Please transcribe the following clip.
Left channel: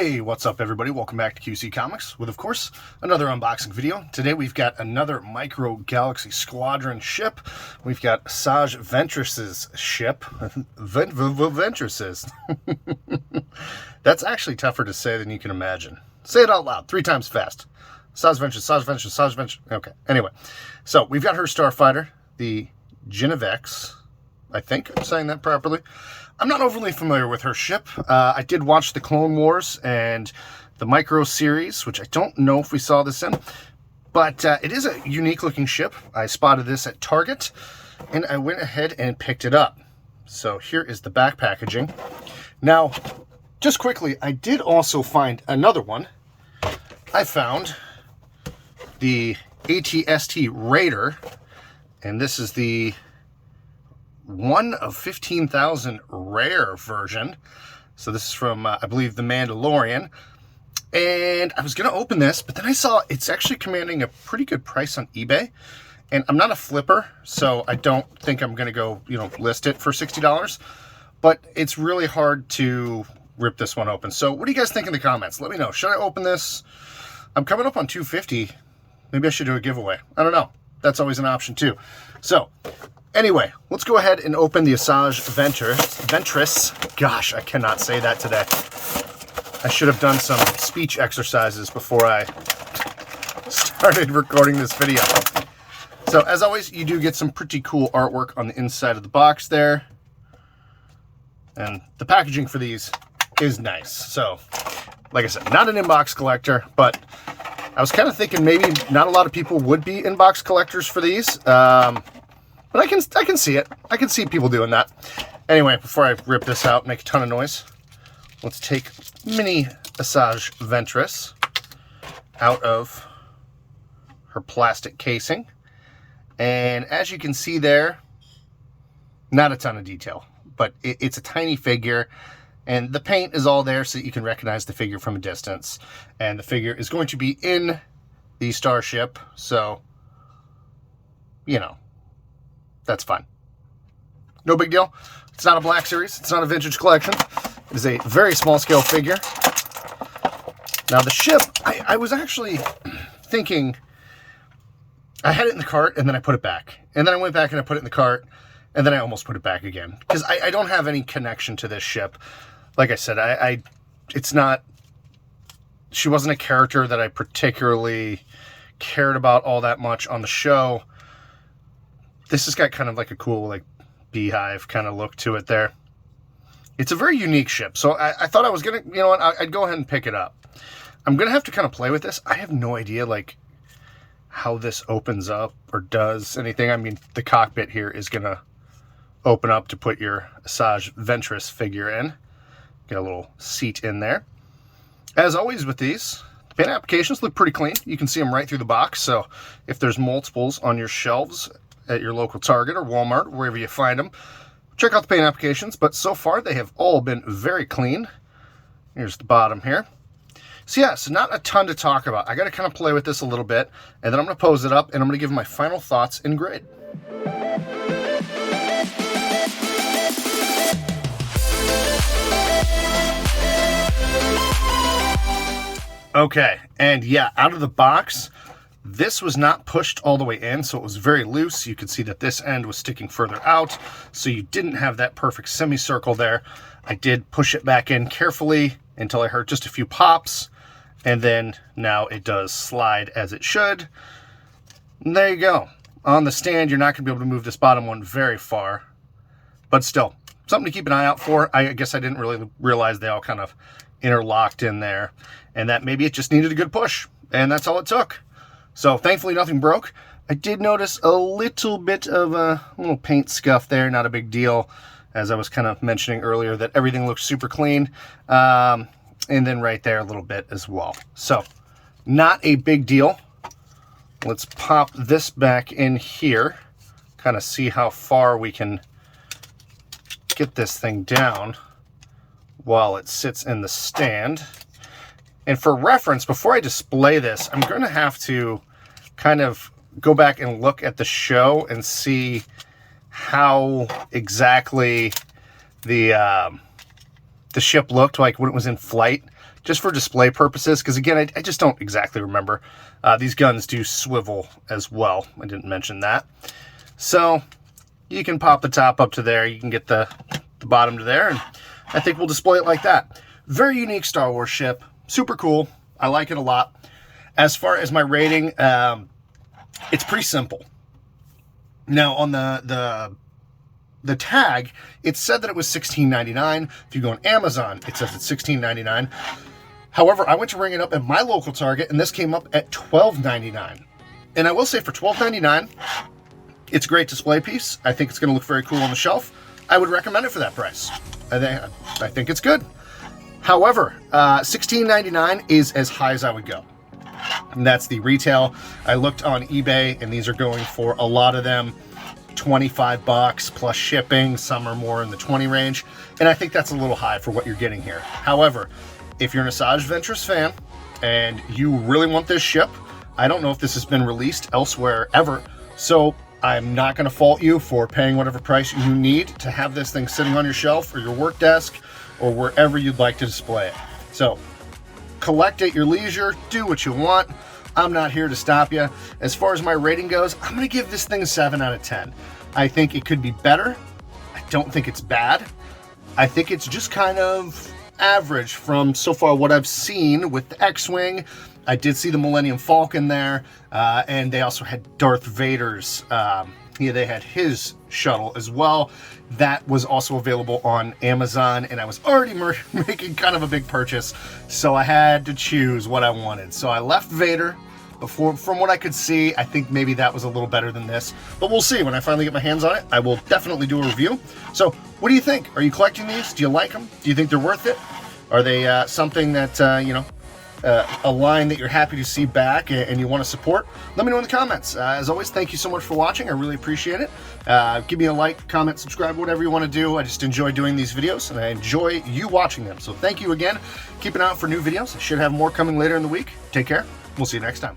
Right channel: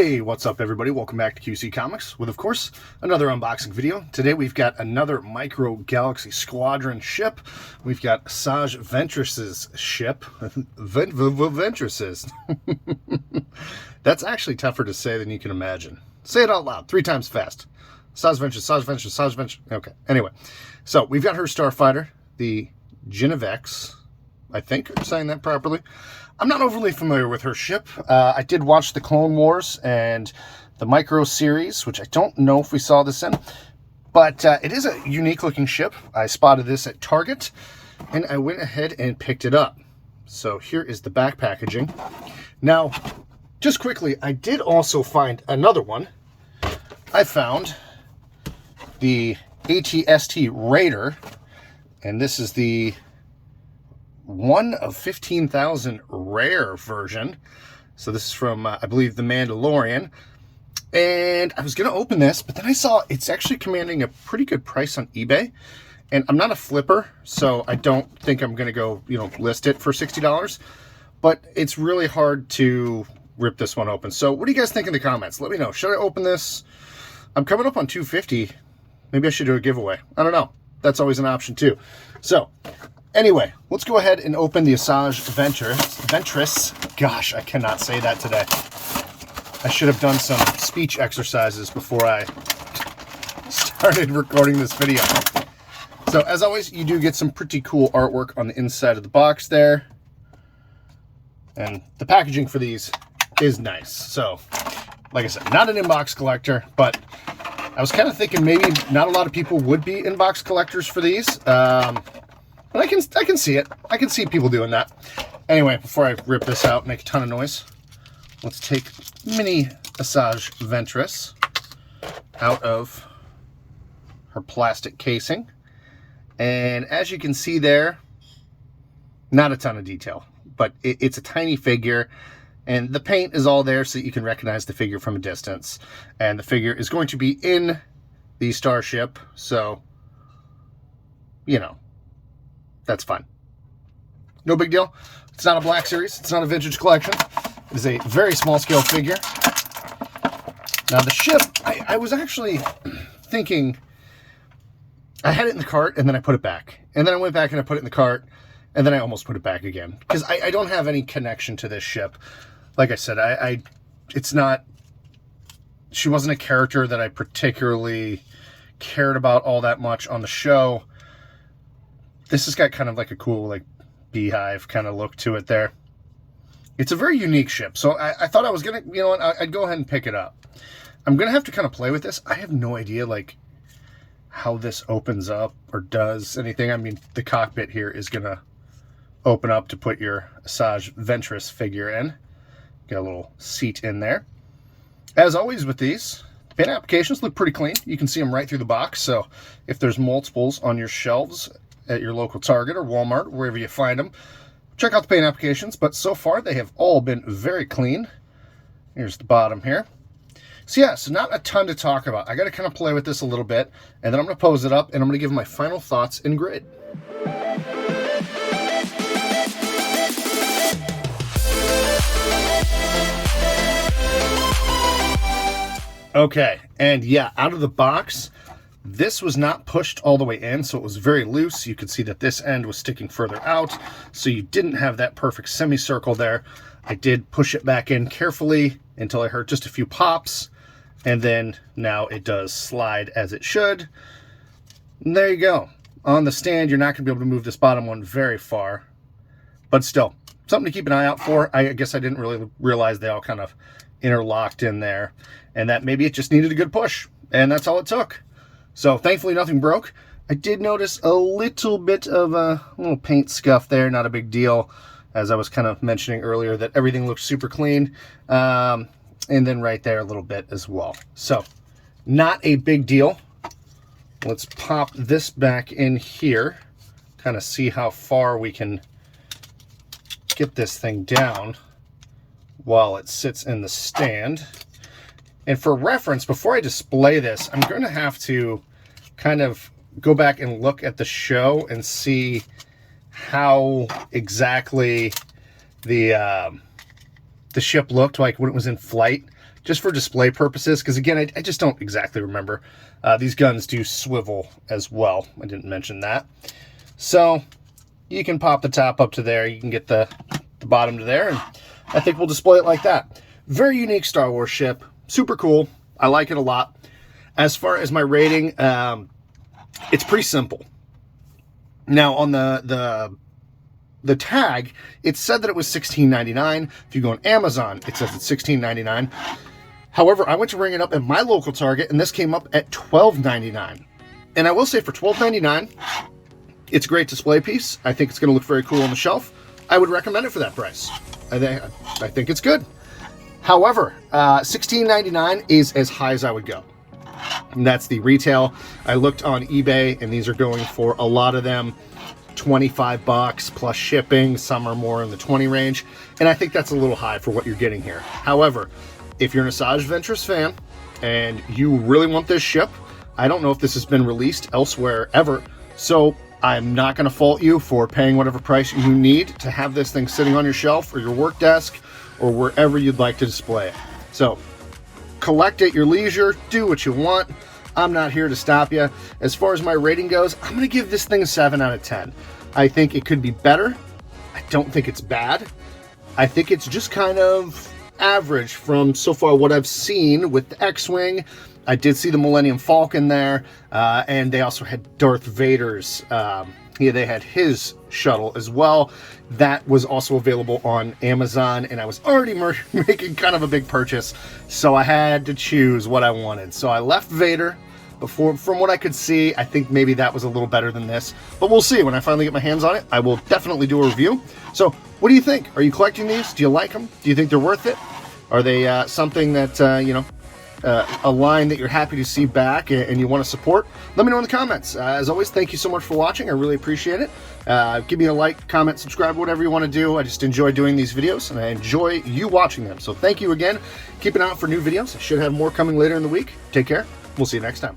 Hey, what's up everybody? Welcome back to QC Comics with, of course, another unboxing video. Today we've got another Micro Galaxy Squadron ship. We've got Asajj Ventress's ship. Ventress's. That's actually tougher to say than you can imagine. Say it out loud, 3 times fast. Asajj Ventress, Asajj Ventress, Asajj Ventress. Okay, anyway. So we've got her starfighter, the Genevex. I think I'm saying that properly. I'm not overly familiar with her ship. I did watch the Clone Wars and the Micro series, which I don't know if we saw this in, but it is a unique looking ship. I spotted this at Target and I went ahead and picked it up. So here is the back packaging. Now, just quickly, I did also find another one. I found the ATST Raider, and this is the 1 of 15,000 rare version. So this is from, I believe, The Mandalorian. And I was going to open this, but then I saw it's actually commanding a pretty good price on eBay. And I'm not a flipper, so I don't think I'm going to go, list it for $60. But it's really hard to rip this one open. So what do you guys think in the comments? Let me know. Should I open this? I'm coming up on 250. Maybe I should do a giveaway. I don't know. That's always an option too. So anyway, let's go ahead and open the Asajj Ventress. Gosh, I cannot say that today. I should have done some speech exercises before I started recording this video. So as always, you do get some pretty cool artwork on the inside of the box there. And the packaging for these is nice. So, like I said, not an inbox collector, but I was kind of thinking maybe not a lot of people would be inbox collectors for these. But I can see it. I can see people doing that. Anyway, before I rip this out and make a ton of noise, let's take mini Asajj Ventress out of her plastic casing. And as you can see there, not a ton of detail, but it's a tiny figure. And the paint is all there so that you can recognize the figure from a distance. And the figure is going to be in the starship, so, that's fine. No big deal. It's not a Black Series. It's not a vintage collection. It is a very small scale figure. Now the ship, I was actually thinking, I had it in the cart and then I put it back. And then I went back and I put it in the cart and then I almost put it back again. Because I don't have any connection to this ship. Like I said, it's not, she wasn't a character that I particularly cared about all that much on the show. This has got kind of like a cool, beehive kind of look to it there. It's a very unique ship. So I thought I was going to, I'd go ahead and pick it up. I'm going to have to kind of play with this. I have no idea, how this opens up or does anything. I mean, the cockpit here is going to open up to put your Asajj Ventress figure in. Get a little seat in there. As always with these, the paint applications look pretty clean. You can see them right through the box. So if there's multiples on your shelves at your local Target or Walmart, wherever you find them, check out the paint applications. But so far, they have all been very clean. Here's the bottom here. So yeah, so not a ton to talk about. I got to kind of play with this a little bit, and then I'm going to pose it up, and I'm going to give my final thoughts in grid. Okay, and yeah, out of the box, this was not pushed all the way in, so it was very loose. You could see that this end was sticking further out, so you didn't have that perfect semicircle there. I did push it back in carefully until I heard just a few pops, and then now it does slide as it should. And there you go. On the stand, you're not going to be able to move this bottom one very far, but still, something to keep an eye out for. I guess I didn't really realize they all kind of interlocked in there, and that maybe it just needed a good push, and that's all it took. So thankfully nothing broke. I did notice a little bit of a little paint scuff there, not a big deal, as I was kind of mentioning earlier that everything looks super clean, and then right there a little bit as well. So not a big deal. Let's pop this back in here, kind of see how far we can get this thing down while it sits in the stand. And for reference, before I display this, I'm going to have to kind of go back and look at the show and see how exactly the ship looked like when it was in flight, just for display purposes, because again, I just don't exactly remember. These guns do swivel as well. I didn't mention that. So you can pop the top up to there. You can get the bottom to there, and I think we'll display it like that. Very unique Star Wars ship. Super cool. I like it a lot. As far as my rating, it's pretty simple. Now, on the tag, it said that it was $16.99. If you go on Amazon, it says it's $16.99. However, I went to ring it up at my local Target, and this came up at $12.99. And I will say, for $12.99, it's a great display piece. I think it's going to look very cool on the shelf. I would recommend it for that price. I think it's good. However, $16.99 is as high as I would go. And that's the retail. I looked on eBay, and these are going for, a lot of them, $25 plus shipping. Some are more in the 20 range, and I think that's a little high for what you're getting here. However, if you're an Asajj Ventress fan and you really want this ship, I don't know if this has been released elsewhere ever, so I'm not going to fault you for paying whatever price you need to have this thing sitting on your shelf or your work desk or wherever you'd like to display it. So collect at your leisure, do what you want. I'm not here to stop you. As far as my rating goes, I'm going to give this thing a 7 out of 10. I think it could be better. I don't think it's bad. I think it's just kind of average from so far what I've seen with the X-Wing. I did see the Millennium Falcon there, and they also had Darth Vader's. They had his shuttle as well. That was also available on Amazon, and I was already making kind of a big purchase, so I had to choose what I wanted. So I left Vader. From what I could see, I think maybe that was a little better than this, but we'll see. When I finally get my hands on it, I will definitely do a review. So what do you think? Are you collecting these? Do you like them? Do you think they're worth it? Are they something that, a line that you're happy to see back and you want to support? Let me know in the comments. As always, thank you so much for watching. I really appreciate it. Give me a like, comment, subscribe, whatever you want to do. I just enjoy doing these videos, and I enjoy you watching them. So thank you again. Keep an eye out for new videos. I should have more coming later in the week. Take care. We'll see you next time.